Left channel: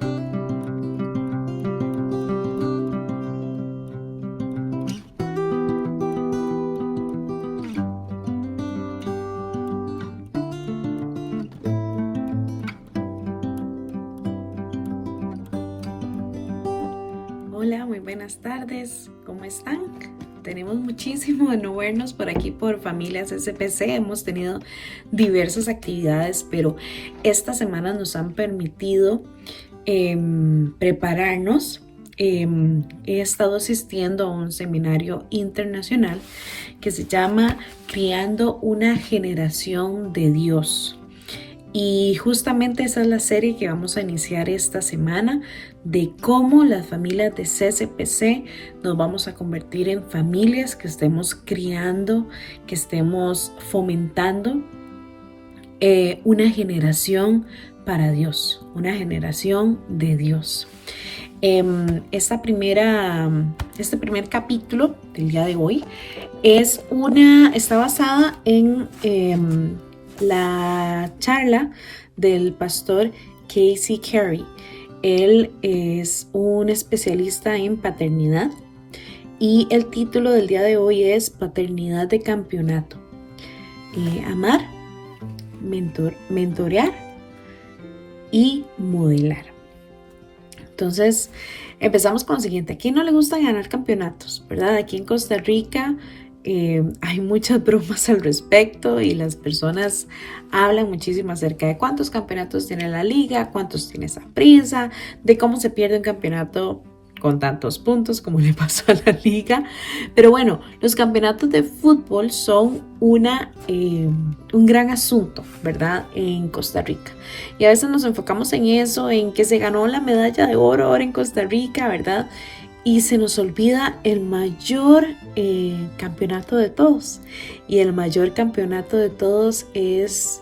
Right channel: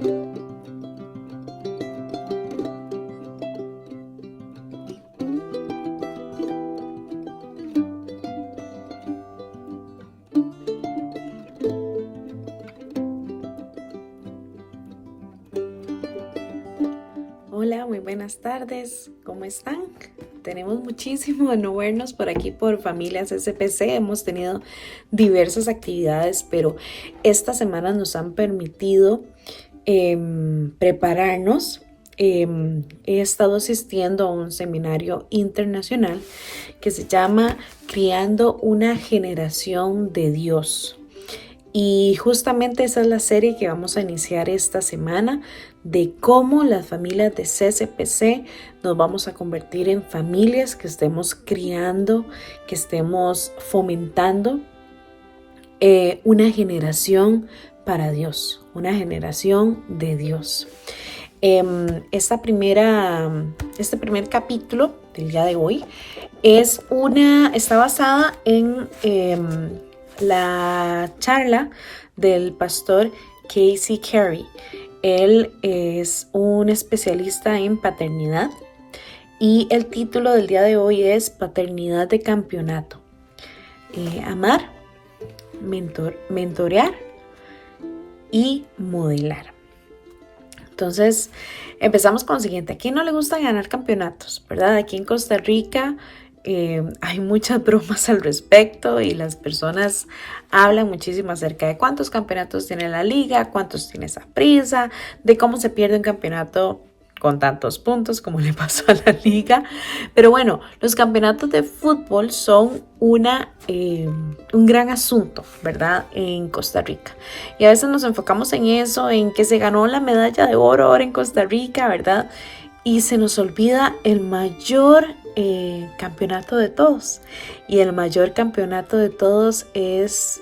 Hola, muy buenas tardes, ¿cómo están? Tenemos muchísimo de no vernos por aquí por Familias SPC, hemos tenido diversas actividades, pero estas semanas nos han permitido prepararnos. He estado asistiendo a un seminario internacional que se llama Criando una generación de Dios. Y justamente esa es la serie que vamos a iniciar esta semana, de cómo las familias de CSPC nos vamos a convertir en familias que estemos criando, que estemos fomentando una generación para Dios, una generación de Dios. Este primer capítulo del día de hoy está basada en la charla del pastor Casey Carey. Él es un especialista en paternidad y el título del día de hoy es Paternidad de Campeonato. Amar, mentorear y modelar. Entonces, empezamos con lo siguiente. ¿A quién no le gusta ganar campeonatos? ¿Verdad? Aquí en Costa Rica hay muchas bromas al respecto y las personas hablan muchísimo acerca de cuántos campeonatos tiene la liga, cuántos tiene Saprissa, de cómo se pierde un campeonato con tantos puntos como le pasó a la liga. Pero bueno, los campeonatos de fútbol son un gran asunto, ¿verdad? En Costa Rica. Y a veces nos enfocamos en eso, en que se ganó la medalla de oro ahora en Costa Rica, ¿verdad? Y se nos olvida el mayor campeonato de todos. Y el mayor campeonato de todos es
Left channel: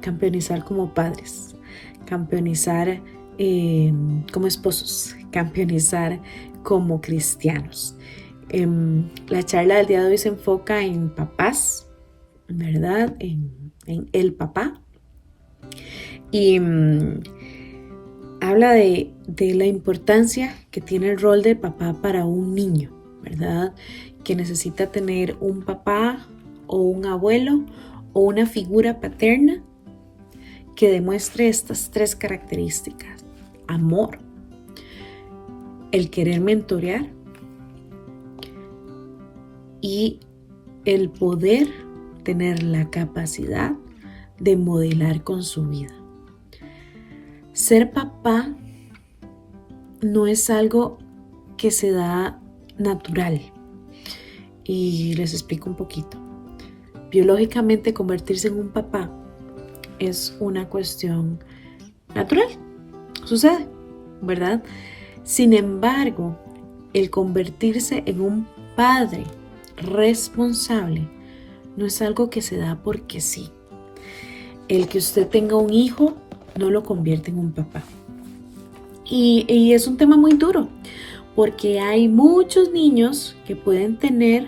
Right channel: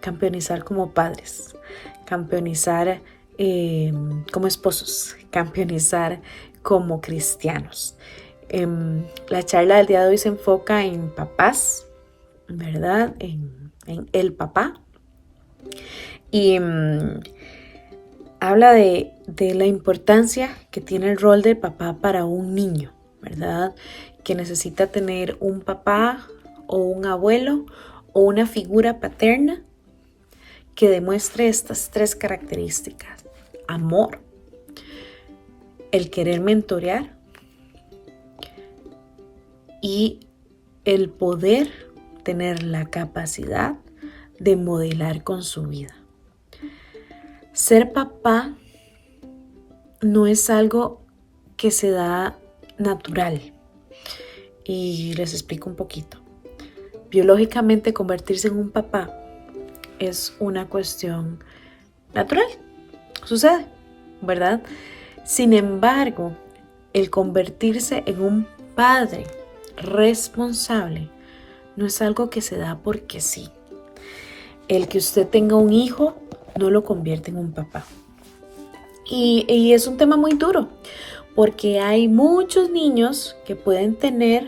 campeonizar como padres, campeonizar como esposos, campeonizar como cristianos. La charla del día de hoy se enfoca en papás, ¿verdad? En el papá. Y habla de la importancia que tiene el rol de papá para un niño, ¿verdad? Que necesita tener un papá o un abuelo o una figura paterna que demuestre estas tres características: amor, el querer mentorear y el poder tener la capacidad de modelar con su vida. Ser papá no es algo que se da natural. Y les explico un poquito. Biológicamente, convertirse en un papá es una cuestión natural. Sucede, ¿verdad? Sin embargo, el convertirse en un padre responsable no es algo que se da porque sí. El que usted tenga un hijo no lo convierte en un papá. Y es un tema muy duro, porque hay muchos niños que pueden tener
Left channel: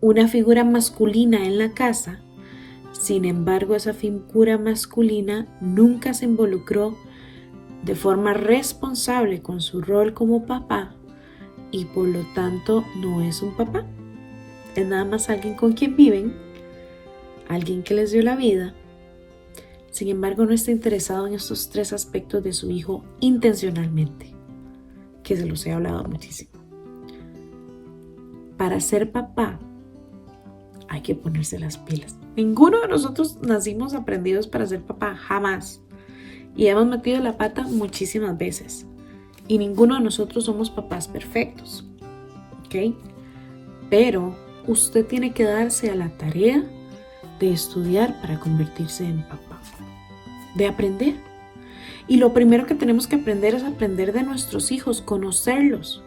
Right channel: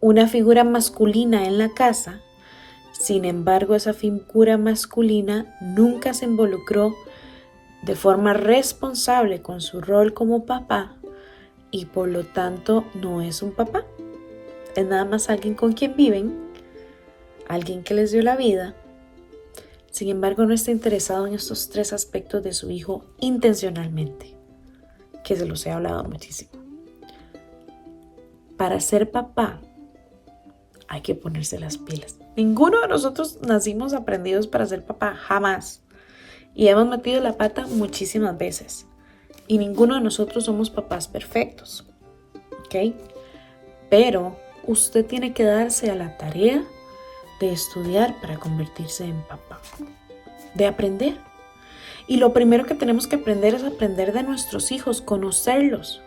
una figura masculina en la casa. Sin embargo, esa figura masculina nunca se involucró de forma responsable con su rol como papá y por lo tanto no es un papá. Es nada más alguien con quien viven, alguien que les dio la vida. Sin embargo, no está interesado en estos tres aspectos de su hijo intencionalmente, que se los he hablado muchísimo. Para ser papá hay que ponerse las pilas. Ninguno de nosotros nacimos aprendidos para ser papá, jamás. Y hemos metido la pata muchísimas veces. Y ninguno de nosotros somos papás perfectos, ¿ok? Pero usted tiene que darse a la tarea de estudiar para convertirse en papá, de aprender. Y lo primero que tenemos que aprender es aprender de nuestros hijos, conocerlos.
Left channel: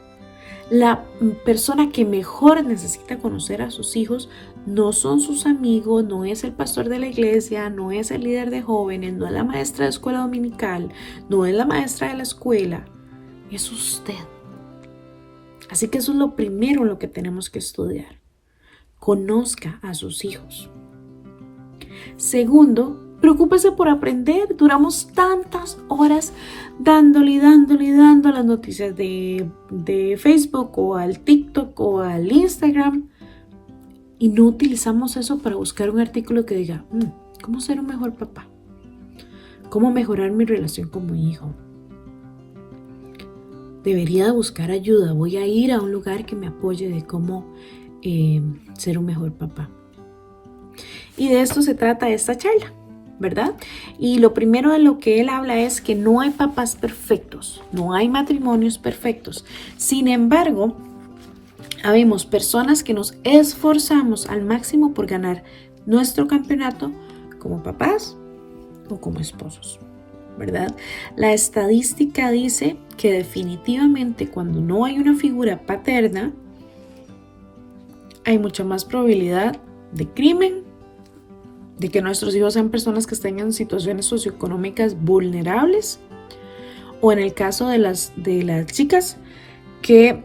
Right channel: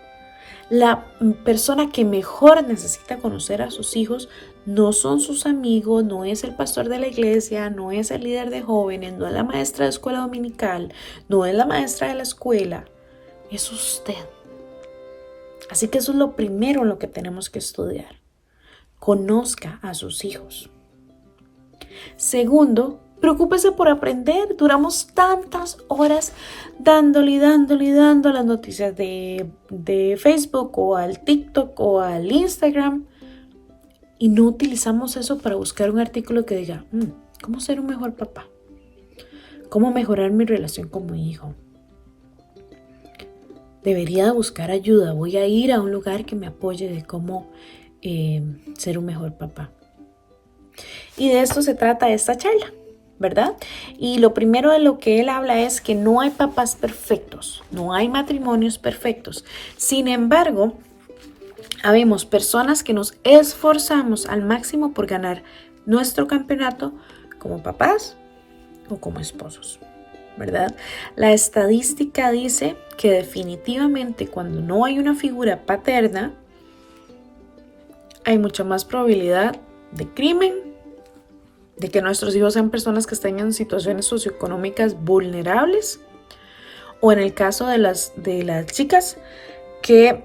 La persona que mejor necesita conocer a sus hijos no son sus amigos, no es el pastor de la iglesia, no es el líder de jóvenes, no es la maestra de escuela dominical, no es la maestra de la escuela, es usted. Así que eso es lo primero en lo que tenemos que estudiar. Conozca a sus hijos. Segundo, Preocúpese por aprender. Duramos tantas horas dándole a las noticias de Facebook o al TikTok o al Instagram. Y no utilizamos eso para buscar un artículo que diga, ¿cómo ser un mejor papá? ¿Cómo mejorar mi relación con mi hijo? Debería de buscar ayuda. Voy a ir a un lugar que me apoye de cómo ser un mejor papá. Y de esto se trata esta charla, ¿verdad? Y lo primero de lo que él habla es que no hay papás perfectos, no hay matrimonios perfectos. Sin embargo, habemos personas que nos esforzamos al máximo por ganar nuestro campeonato como papás o como esposos, ¿verdad? La estadística dice que definitivamente cuando no hay una figura paterna, hay mucha más probabilidad de crimen, de que nuestros hijos sean personas que estén en situaciones socioeconómicas vulnerables, o en el caso de las chicas que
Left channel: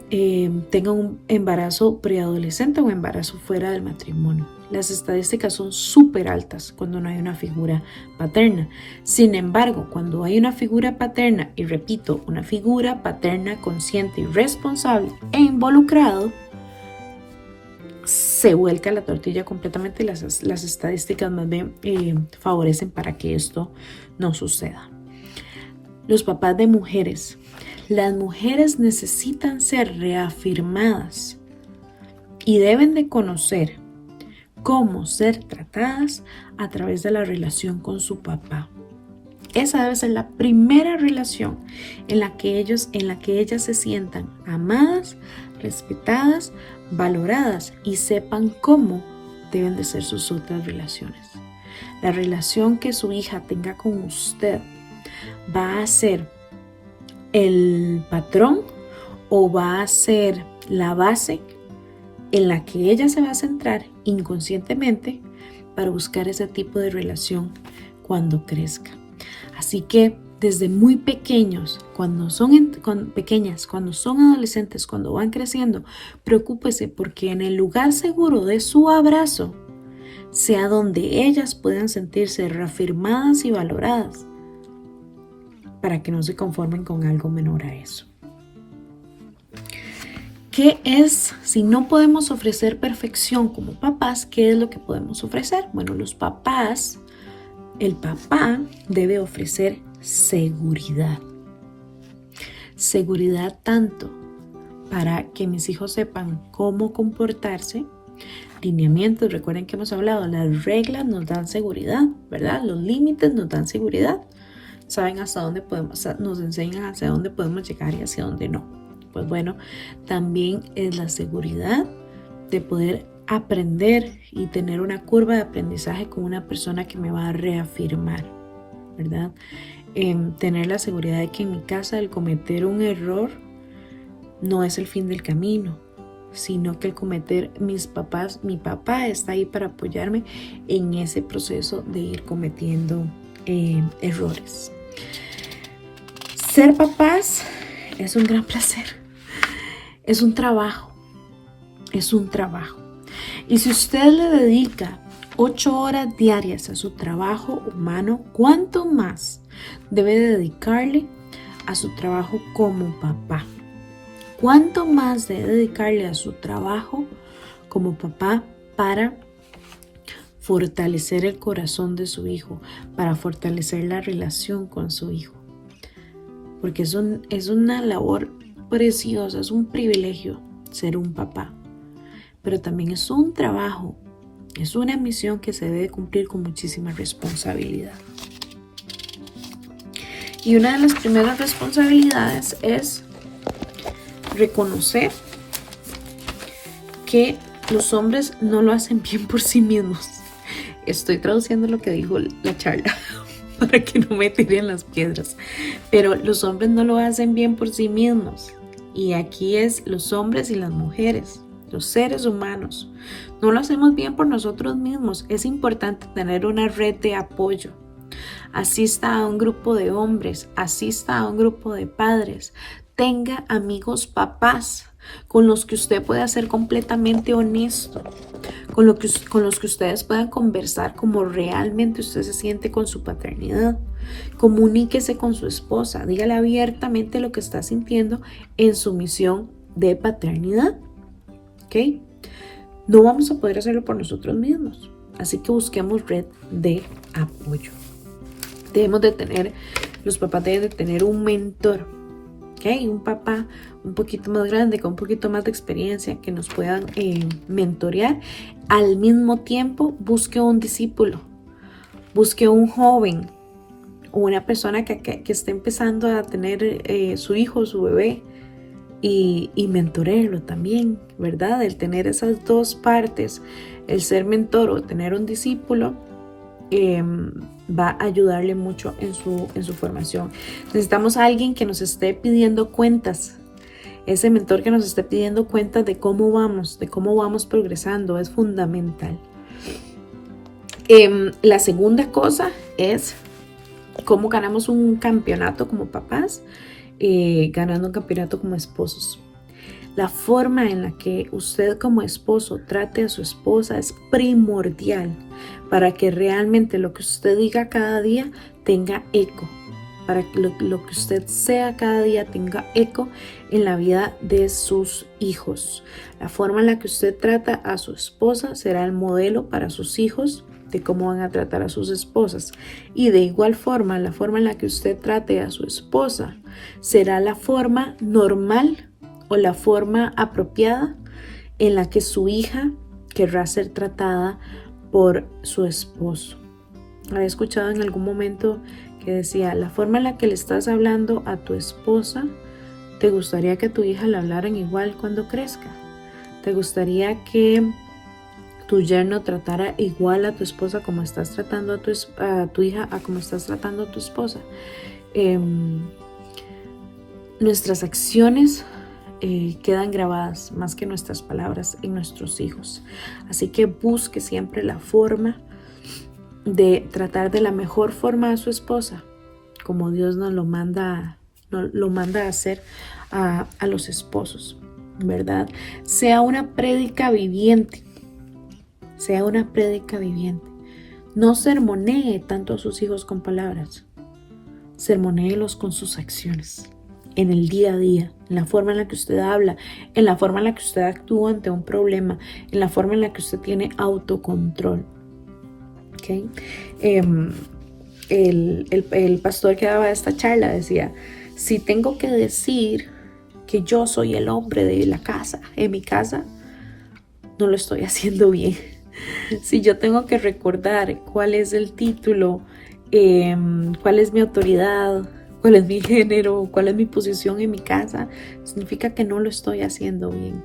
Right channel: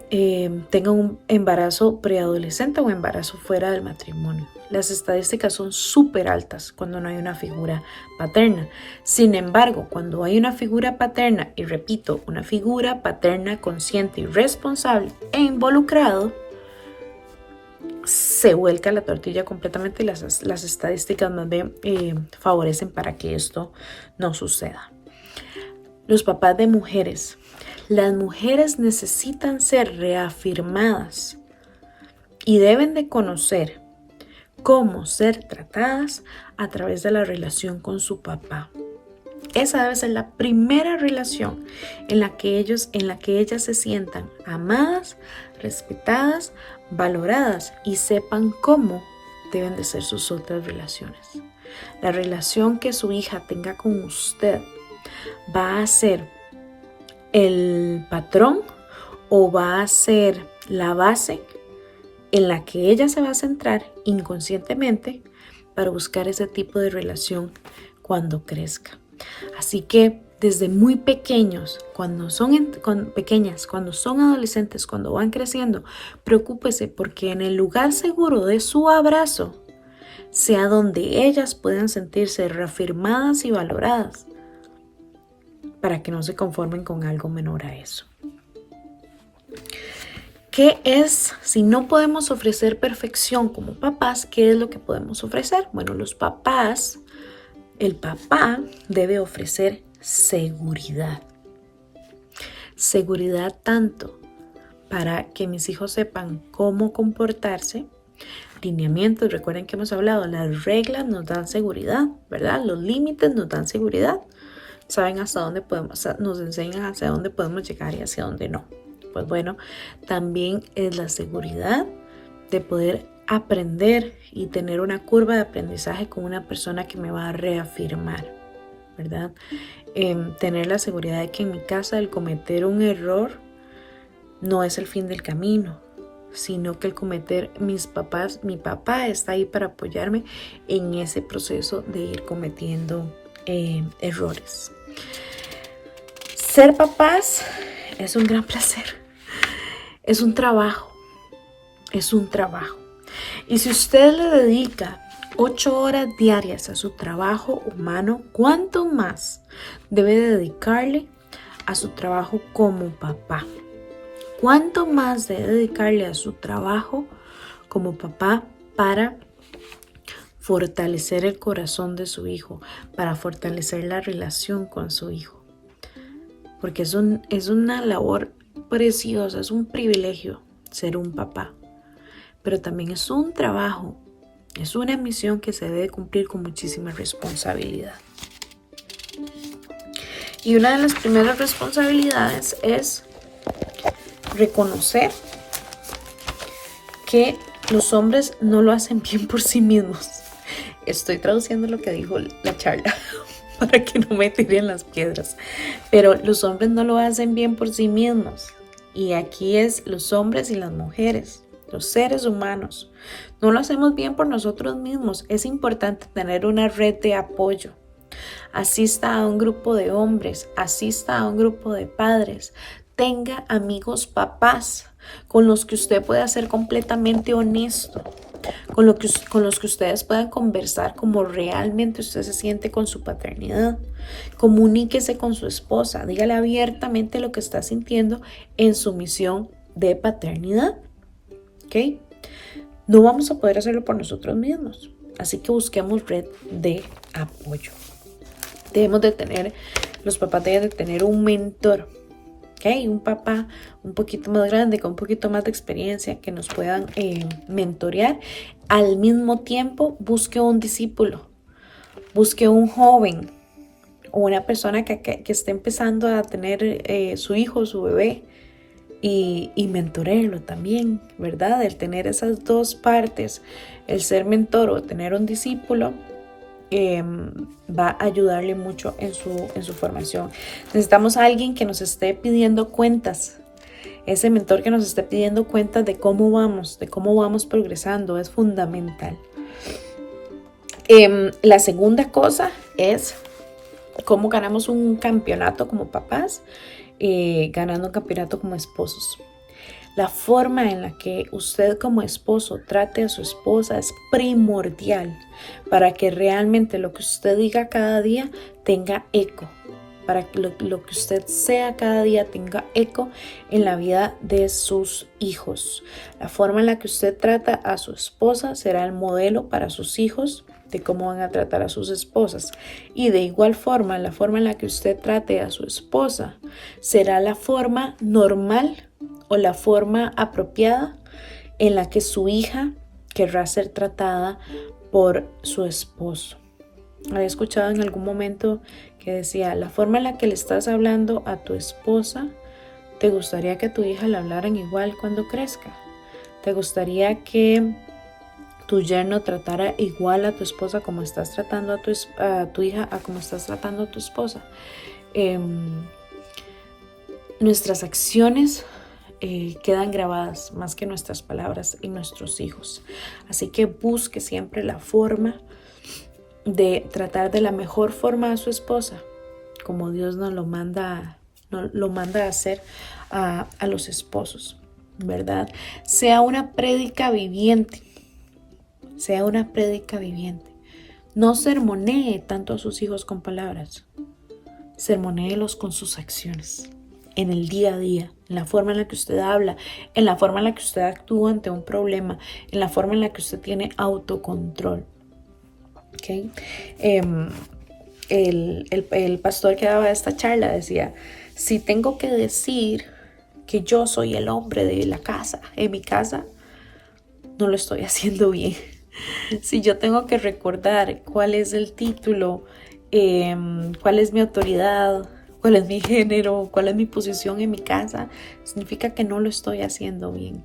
tengan un embarazo preadolescente o embarazo fuera del matrimonio. Las estadísticas son súper altas cuando no hay una figura paterna. Sin embargo, cuando hay una figura paterna, y repito, una figura paterna consciente y responsable e involucrado, se vuelca la tortilla completamente y las estadísticas más bien favorecen para que esto no suceda. Los papás de mujeres. Las mujeres necesitan ser reafirmadas y deben de conocer cómo ser tratadas a través de la relación con su papá. Esa debe ser la primera relación en la que ellas se sientan amadas, respetadas, valoradas y sepan cómo deben de ser sus otras relaciones. La relación que su hija tenga con usted va a ser el patrón o va a ser la base en la que ella se va a centrar inconscientemente para buscar ese tipo de relación cuando crezca. Así que desde muy pequeños, cuando son adolescentes, cuando van creciendo, preocúpese porque en el lugar seguro de su abrazo sea donde ellas puedan sentirse reafirmadas y valoradas, para que no se conformen con algo menor a eso. ¿Qué es, si no podemos ofrecer perfección como papás, qué es lo que podemos ofrecer? Bueno, el papá debe ofrecer seguridad. Seguridad tanto para que mis hijos sepan cómo comportarse, lineamientos, recuerden que hemos hablado, las reglas nos dan seguridad, ¿verdad? Los límites nos dan seguridad. Saben hasta dónde podemos, nos enseñan hacia dónde podemos llegar y hacia dónde no. Pues bueno, también es la seguridad de poder aprender y tener una curva de aprendizaje con una persona que me va a reafirmar, ¿verdad? Tener la seguridad de que en mi casa el cometer un error no es el fin del camino, sino que mi papá está ahí para apoyarme en ese proceso de ir cometiendo errores. Ser papás es un gran placer, es un trabajo. Y si usted le dedica 8 horas diarias a su trabajo humano, ¿cuánto más debe dedicarle a su trabajo como papá? ¿Cuánto más debe dedicarle a su trabajo como papá para fortalecer el corazón de su hijo, para fortalecer la relación con su hijo? Porque es una labor preciosa, es un privilegio ser un papá, pero también es un trabajo, es una misión que se debe cumplir con muchísima responsabilidad. Y una de las primeras responsabilidades es reconocer que los hombres no lo hacen bien por sí mismos. Estoy traduciendo lo que dijo la charla para que no me tiren las piedras. Pero los hombres no lo hacen bien por sí mismos. Y aquí es los hombres y las mujeres, los seres humanos. No lo hacemos bien por nosotros mismos. Es importante tener una red de apoyo. Asista a un grupo de hombres, asista a un grupo de padres. Tenga amigos papás con los que usted pueda ser completamente honesto, con los que ustedes puedan conversar como realmente usted se siente con su paternidad. Comuníquese con su esposa, dígale abiertamente lo que está sintiendo en su misión de paternidad. ¿Ok? No vamos a poder hacerlo por nosotros mismos, así que busquemos red de apoyo. Los papás deben de tener un mentor, ¿ok? Un papá un poquito más grande, con un poquito más de experiencia, que nos puedan mentorear. Al mismo tiempo, busque un discípulo, busque un joven o una persona que esté empezando a tener su hijo, su bebé, y mentorearlo también, ¿verdad? El tener esas dos partes, el ser mentor o tener un discípulo, va a ayudarle mucho en su formación. Necesitamos a alguien que nos esté pidiendo cuentas. Ese mentor que nos esté pidiendo cuentas de cómo vamos progresando, es fundamental. La segunda cosa es cómo ganamos un campeonato como papás, ganando un campeonato como esposos. La forma en la que usted como esposo trate a su esposa es primordial para que realmente lo que usted diga cada día tenga eco, para que lo que usted sea cada día tenga eco en la vida de sus hijos. La forma en la que usted trata a su esposa será el modelo para sus hijos de cómo van a tratar a sus esposas. Y de igual forma, la forma en la que usted trate a su esposa será la forma normal o la forma apropiada en la que su hija querrá ser tratada por su esposo. Había escuchado en algún momento que decía, la forma en la que le estás hablando a tu esposa, ¿te gustaría que tu hija le hablaran igual cuando crezca? ¿Te gustaría que tu yerno tratara igual a tu esposa como estás tratando a tu hija, a como estás tratando a tu esposa? Nuestras acciones quedan grabadas más que nuestras palabras en nuestros hijos. Así que busque siempre la forma de tratar de la mejor forma a su esposa, como Dios nos lo manda a hacer a los esposos, ¿verdad? Sea una prédica viviente. Sea una prédica viviente. No sermonee tanto a sus hijos con palabras. Sermonéelos con sus acciones. En el día a día, en la forma en la que usted habla, en la forma en la que usted actúa ante un problema, en la forma en la que usted tiene autocontrol. ¿Okay? El pastor que daba esta charla decía, si tengo que decir que yo soy el hombre de la casa, en mi casa, no lo estoy haciendo bien. Si yo tengo que recordar cuál es el título, cuál es mi autoridad, cuál es mi género, cuál es mi posición en mi casa, significa que no lo estoy haciendo bien.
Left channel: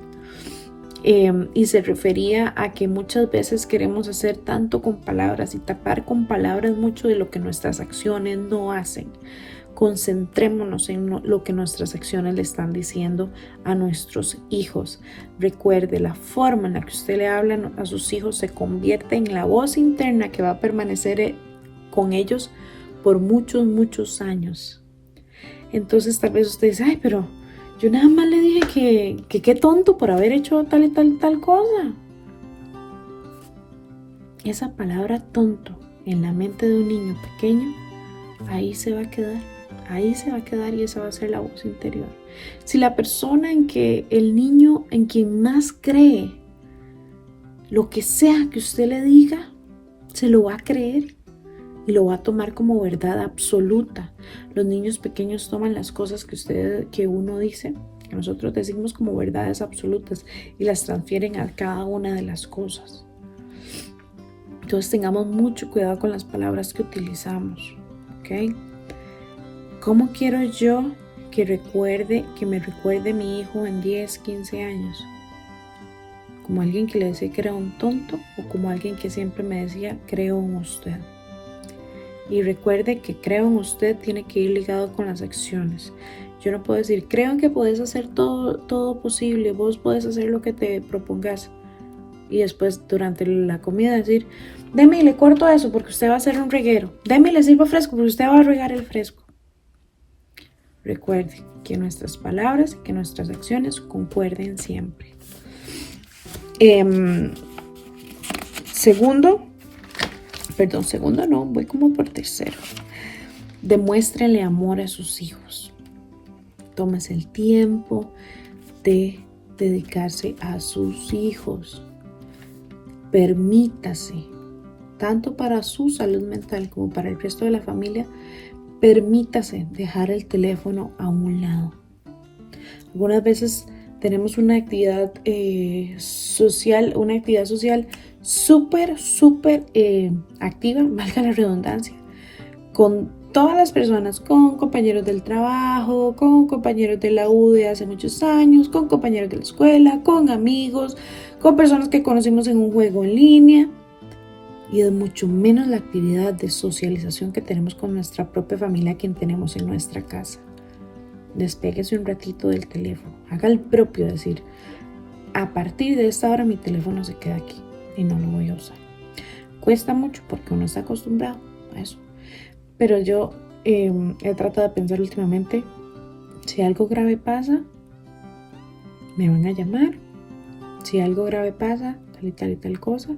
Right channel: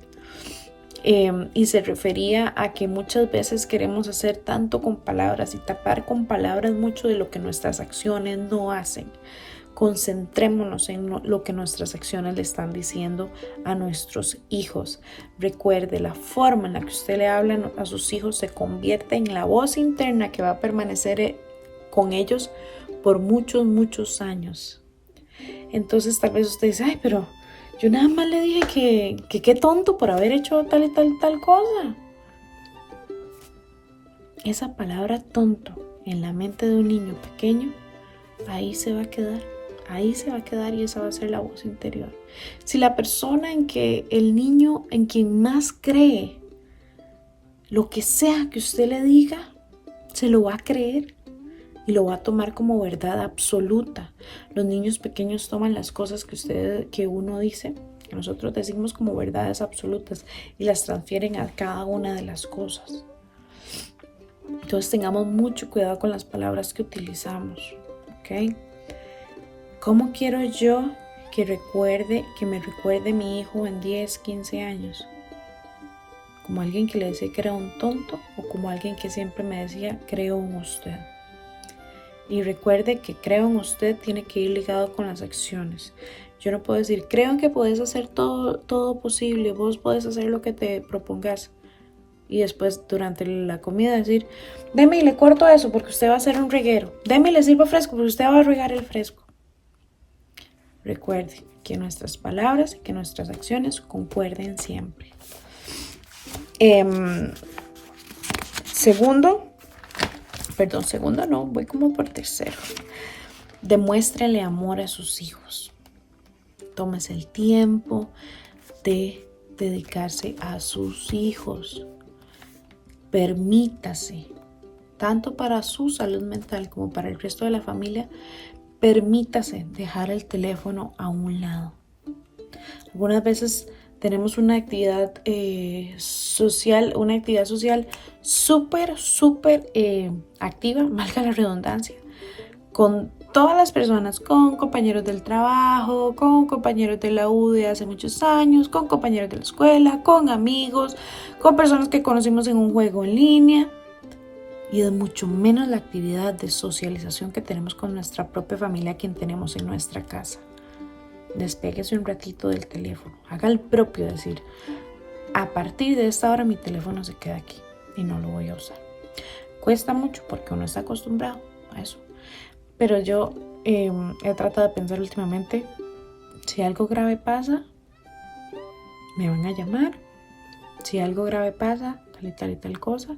Y se refería a que muchas veces queremos hacer tanto con palabras y tapar con palabras mucho de lo que nuestras acciones no hacen. Concentrémonos en lo que nuestras acciones le están diciendo a nuestros hijos. Recuerde, la forma en la que usted le habla a sus hijos se convierte en la voz interna que va a permanecer con ellos por muchos, muchos años. Entonces tal vez usted dice, ay, pero yo nada más le dije que qué tonto por haber hecho tal y tal cosa. Esa palabra tonto en la mente de un niño pequeño, ahí se va a quedar. Ahí se va a quedar y esa va a ser la voz interior. Si la persona el niño en quien más cree, lo que sea que usted le diga, se lo va a creer y lo va a tomar como verdad absoluta. Los niños pequeños toman las cosas que uno dice, que nosotros decimos como verdades absolutas y las transfieren a cada una de las cosas. Entonces tengamos mucho cuidado con las palabras que utilizamos, ¿ok? ¿Cómo quiero yo que me recuerde mi hijo en 10, 15 años? ¿Como alguien que le decía que era un tonto o como alguien que siempre me decía, creo en usted? Y recuerde que creo en usted tiene que ir ligado con las acciones. Yo no puedo decir, creo que puedes hacer todo posible, vos podés hacer lo que te propongas. Y después durante la comida decir, deme y le corto eso porque usted va a hacer un reguero. Deme y le sirvo fresco porque usted va a regar el fresco. Recuerde que nuestras palabras y que nuestras acciones concuerden siempre. Segundo no, voy como por tercero. Demuéstrele amor a sus hijos. Tómese el tiempo de dedicarse a sus hijos. Permítase, tanto para su salud mental como para el resto de la familia, permítase dejar el teléfono a un lado. Algunas veces tenemos una actividad social súper activa, valga la redundancia, con todas las personas, con compañeros del trabajo, con compañeros de la U de hace muchos años, con compañeros de la escuela, con amigos, con personas que conocimos en un juego en línea. Y es mucho menos la actividad de socialización que tenemos con nuestra propia familia, quien tenemos en nuestra casa. Despéguese un ratito del teléfono. Haga el propio, decir, a partir de esta hora mi teléfono se queda aquí y no lo voy a usar. Cuesta mucho porque uno está acostumbrado a eso. Pero yo he tratado de pensar últimamente, si algo grave pasa, me van a llamar. Si algo grave pasa, tal y tal cosa.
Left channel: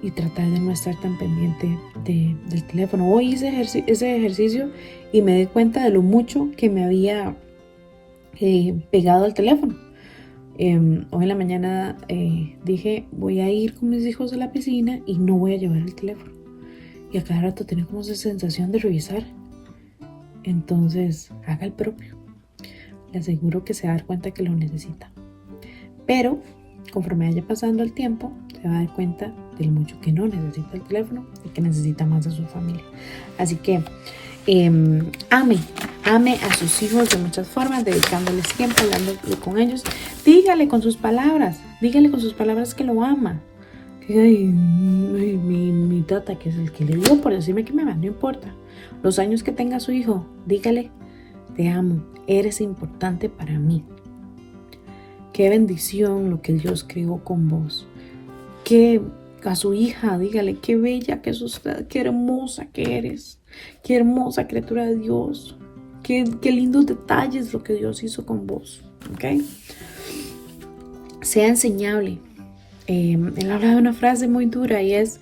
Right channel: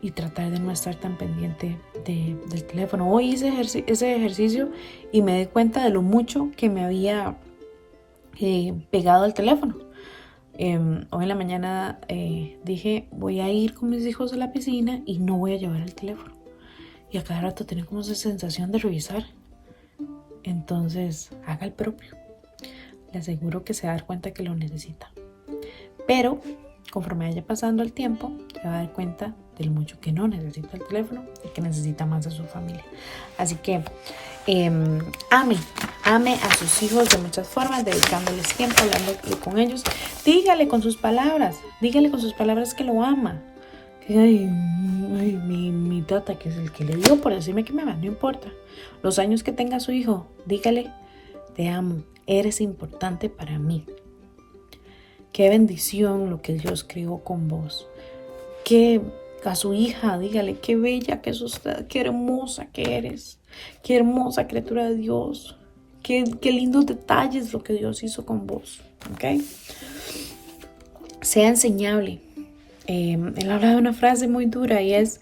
Y tratar de no estar tan pendiente del teléfono. Hoy hice ese ejercicio y me di cuenta de lo mucho que me había pegado al teléfono. Hoy en la mañana dije, voy a ir con mis hijos a la piscina y no voy a llevar el teléfono. Y a cada rato tenía como esa sensación de revisar. Entonces, haga el propio. Le aseguro que se va a dar cuenta que lo necesita. Pero, conforme vaya pasando el tiempo, se va a dar cuenta de lo mucho que no necesita el teléfono y que necesita más a su familia. Así que, ame a sus hijos de muchas formas, dedicándoles tiempo, hablando con ellos. Dígale con sus palabras que lo ama. Ay, mi tata, que es el que le dio por decirme que me va, no importa. Los años que tenga su hijo, dígale, te amo, eres importante para mí. Qué bendición lo que Dios creó con vos. Que a su hija, dígale, qué bella que es usted, qué hermosa que eres, qué hermosa criatura de Dios, qué lindos detalles lo que Dios hizo con vos, ¿ok? Sea enseñable. Él habla de una frase muy dura y es,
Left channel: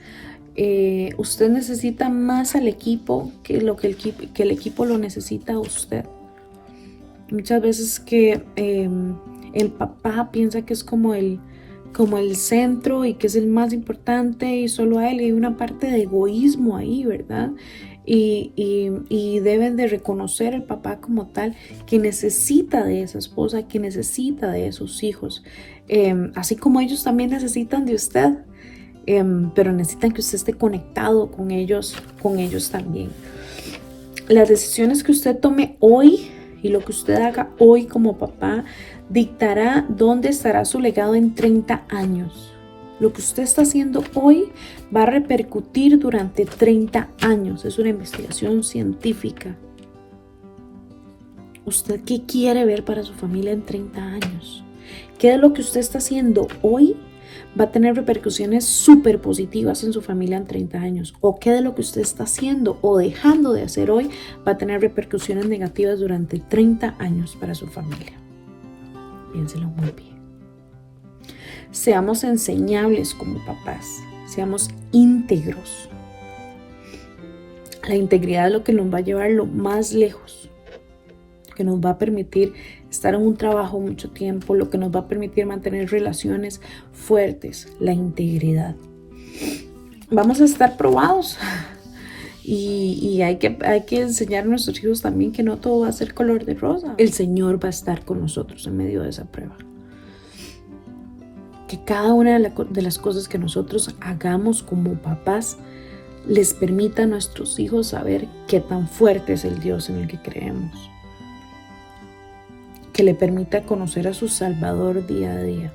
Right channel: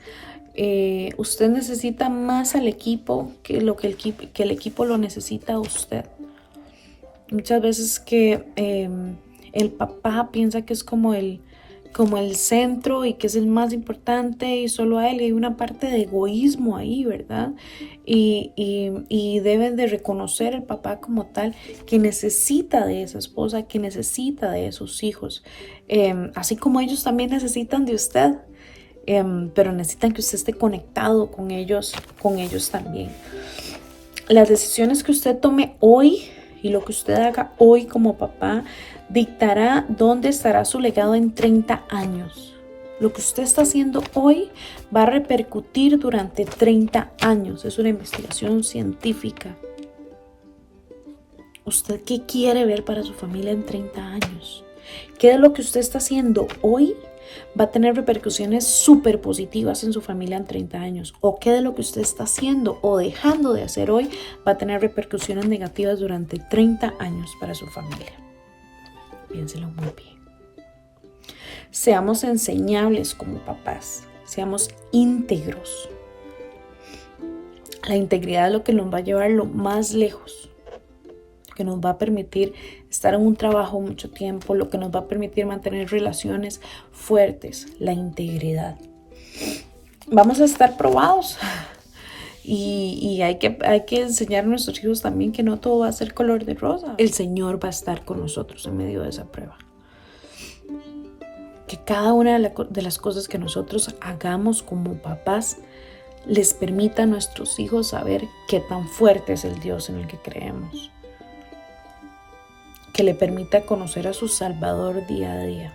usted necesita más al equipo que el equipo lo necesita a usted. Muchas veces que el papá piensa que es como el centro y que es el más importante y solo a él, y hay una parte de egoísmo ahí, ¿verdad? Y deben de reconocer el papá como tal, que necesita de esa esposa, que necesita de esos hijos, así como ellos también necesitan de usted, pero necesitan que usted esté conectado con ellos también. Las decisiones que usted tome hoy y lo que usted haga hoy como papá dictará dónde estará su legado en 30 años. Lo que usted está haciendo hoy va a repercutir durante 30 años. Es una investigación científica. ¿Usted qué quiere ver para su familia en 30 años? ¿Qué de lo que usted está haciendo hoy va a tener repercusiones súper positivas en su familia en 30 años? ¿O qué de lo que usted está haciendo o dejando de hacer hoy va a tener repercusiones negativas durante 30 años para su familia? Piénselo muy bien. Seamos enseñables como papás, seamos íntegros. La integridad es lo que nos va a llevar lo más lejos, que nos va a permitir estar en un trabajo mucho tiempo, lo que nos va a permitir mantener relaciones fuertes, la integridad. Vamos a estar probados y hay que enseñar a nuestros hijos también que no todo va a ser color de rosa. El Señor va a estar con nosotros en medio de esa prueba. Que cada una de las cosas que nosotros hagamos como papás les permita a nuestros hijos saber qué tan fuerte es el Dios en el que creemos. Que le permita conocer a su Salvador día a día.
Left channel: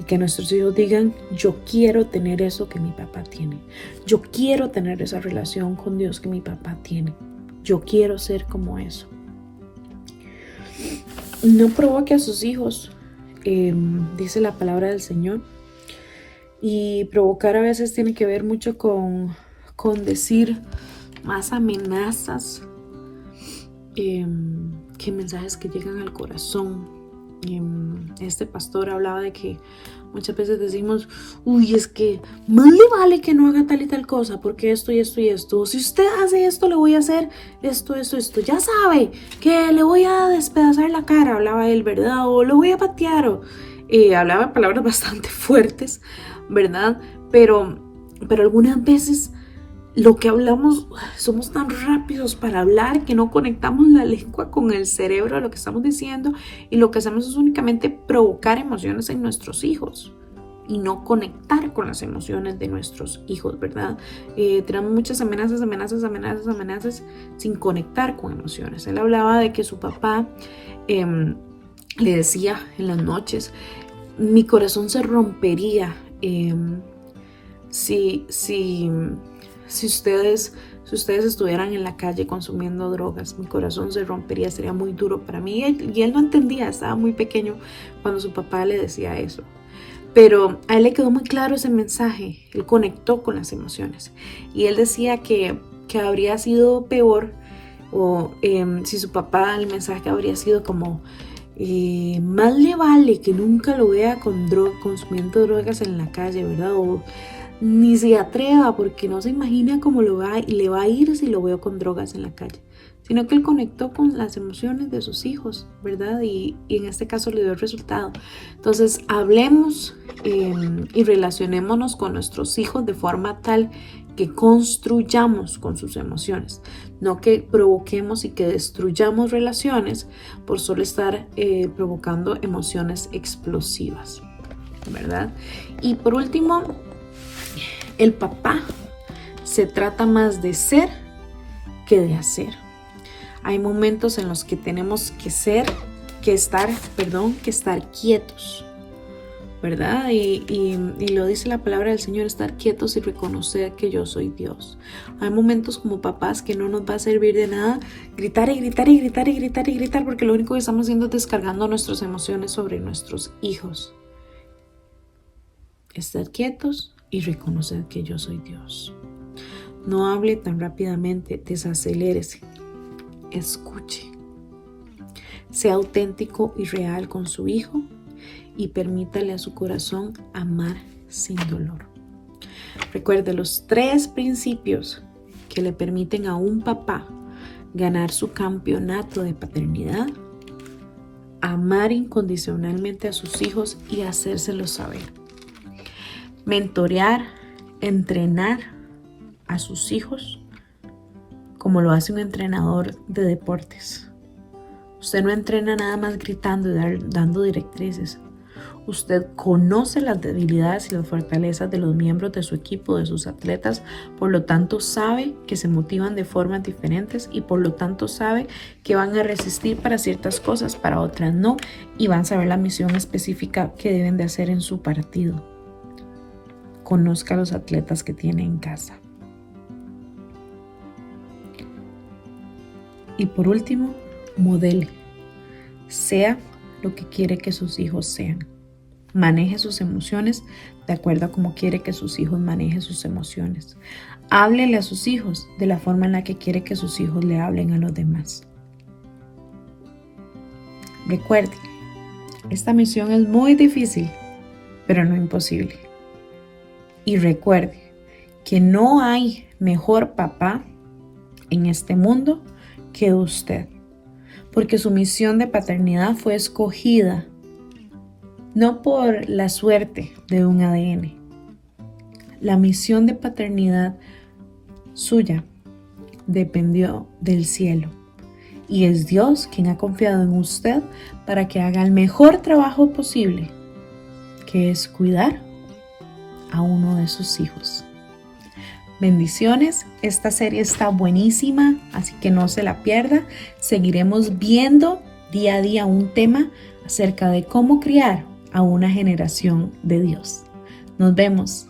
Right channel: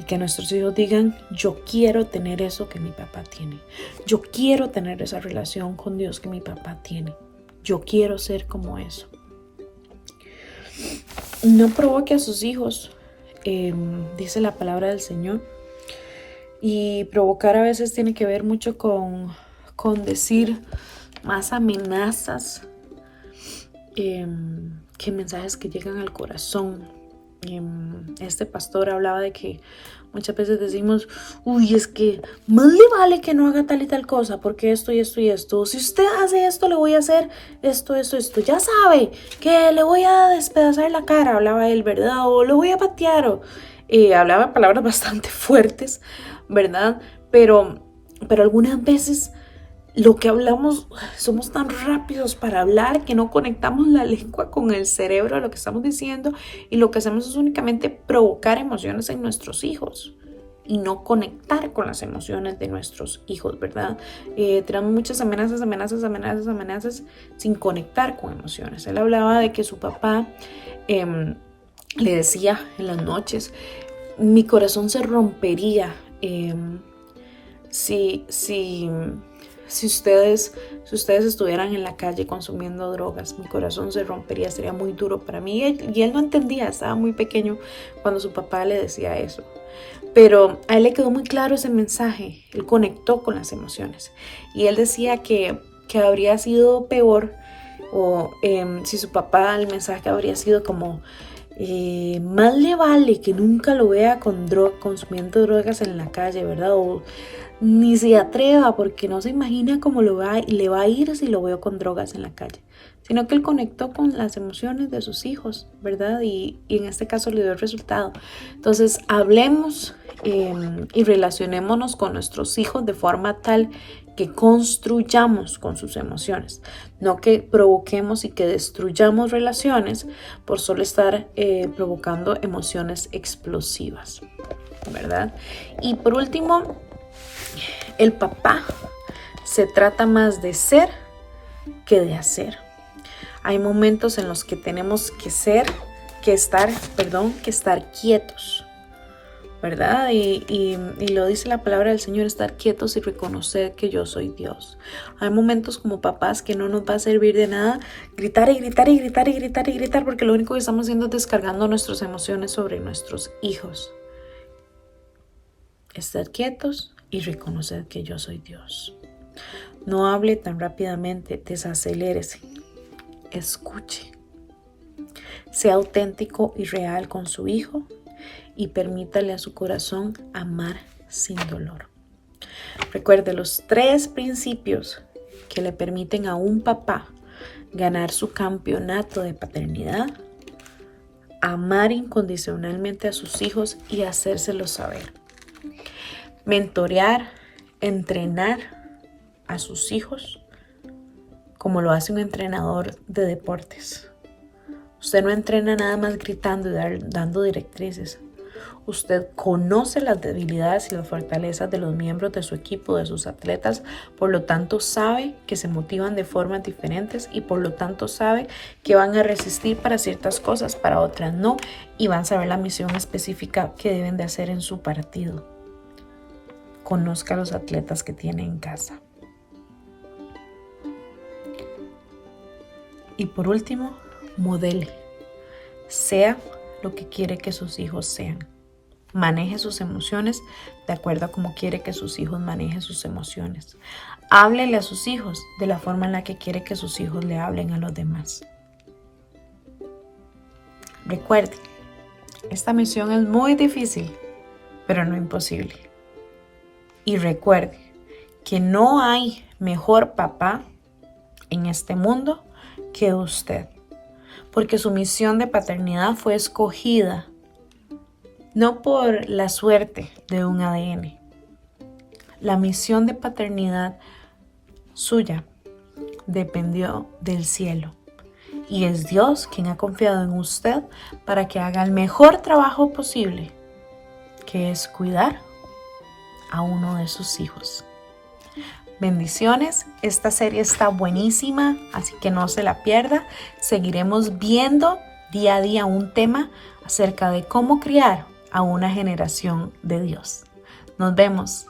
Y que nuestros hijos digan, yo quiero tener eso que mi papá tiene. Yo quiero tener esa relación con Dios que mi papá tiene. Yo quiero ser como eso. No provoque a sus hijos, dice la palabra del Señor. Y provocar a veces tiene que ver mucho con decir más amenazas que mensajes que llegan al corazón. Este pastor hablaba de que muchas veces decimos, uy, es que más le vale que no haga tal y tal cosa, porque esto y esto y esto. Si usted hace esto, le voy a hacer esto. Ya sabe que le voy a despedazar la cara, hablaba él, ¿verdad? O le voy a patear, o hablaba palabras bastante fuertes, ¿verdad? Pero algunas veces lo que hablamos, somos tan rápidos para hablar que no conectamos la lengua con el cerebro de lo que estamos diciendo, y lo que hacemos es únicamente provocar emociones en nuestros hijos y no conectar con las emociones de nuestros hijos, ¿verdad? Tenemos muchas amenazas sin conectar con emociones. Él hablaba de que su papá le decía en las noches, mi corazón se rompería si ustedes estuvieran en la calle consumiendo drogas, mi corazón se rompería, sería muy duro para mí. Y él no entendía, estaba muy pequeño cuando su papá le decía eso. Pero a él le quedó muy claro ese mensaje, él conectó con las emociones. Y él decía que habría sido peor, o si su papá, el mensaje habría sido como, más le vale que nunca lo vea consumiendo drogas en la calle, ¿verdad? O ni se atreva porque no se imagina cómo le va a ir si lo veo con drogas en la calle, sino que él conectó con las emociones de sus hijos, ¿verdad? Y en este caso le dio el resultado. Entonces hablemos y relacionémonos con nuestros hijos de forma tal que construyamos con sus emociones, no que provoquemos y que destruyamos relaciones por solo estar provocando emociones explosivas, ¿verdad? Y por último, el papá se trata más de ser que de hacer. Hay momentos en los que tenemos que estar quietos, ¿verdad? Y lo dice la palabra del Señor, estar quietos y reconocer que yo soy Dios. Hay momentos como papás que no nos va a servir de nada gritar, porque lo único que estamos haciendo es descargando nuestras emociones sobre nuestros hijos. Estar quietos y reconocer que yo soy Dios. No hable tan rápidamente, desacelérese, escuche. Sea auténtico y real con su hijo y permítale a su corazón amar sin dolor. Recuerde los 3 principios que le permiten a un papá ganar su campeonato de paternidad: amar incondicionalmente a sus hijos y hacérselo saber. Mentorear, entrenar a sus hijos como lo hace un entrenador de deportes. Usted no entrena nada más gritando y dando directrices. Usted conoce las debilidades y las fortalezas de los miembros de su equipo, de sus atletas, por lo tanto sabe que se motivan de formas diferentes y por lo tanto sabe que van a resistir para ciertas cosas, para otras no, y van a saber la misión específica que deben de hacer en su partido. Conozca a los atletas que tiene en casa. Y por último, modele. Sea lo que quiere que sus hijos sean. Maneje sus emociones de acuerdo a cómo quiere que sus hijos manejen sus emociones. Háblele a sus hijos de la forma en la que quiere que sus hijos le hablen a los demás. Recuerde, esta misión es muy difícil, pero no imposible. Y recuerde que no hay mejor papá en este mundo que usted, porque su misión de paternidad fue escogida no por la suerte de un ADN. La misión de paternidad suya dependió del cielo, y es Dios quien ha confiado en usted para que haga el mejor trabajo posible, que es cuidar a uno de sus hijos. Bendiciones, esta serie está buenísima, así que no se la pierda. Seguiremos viendo día a día un tema acerca de cómo criar a una generación de Dios. Nos vemos.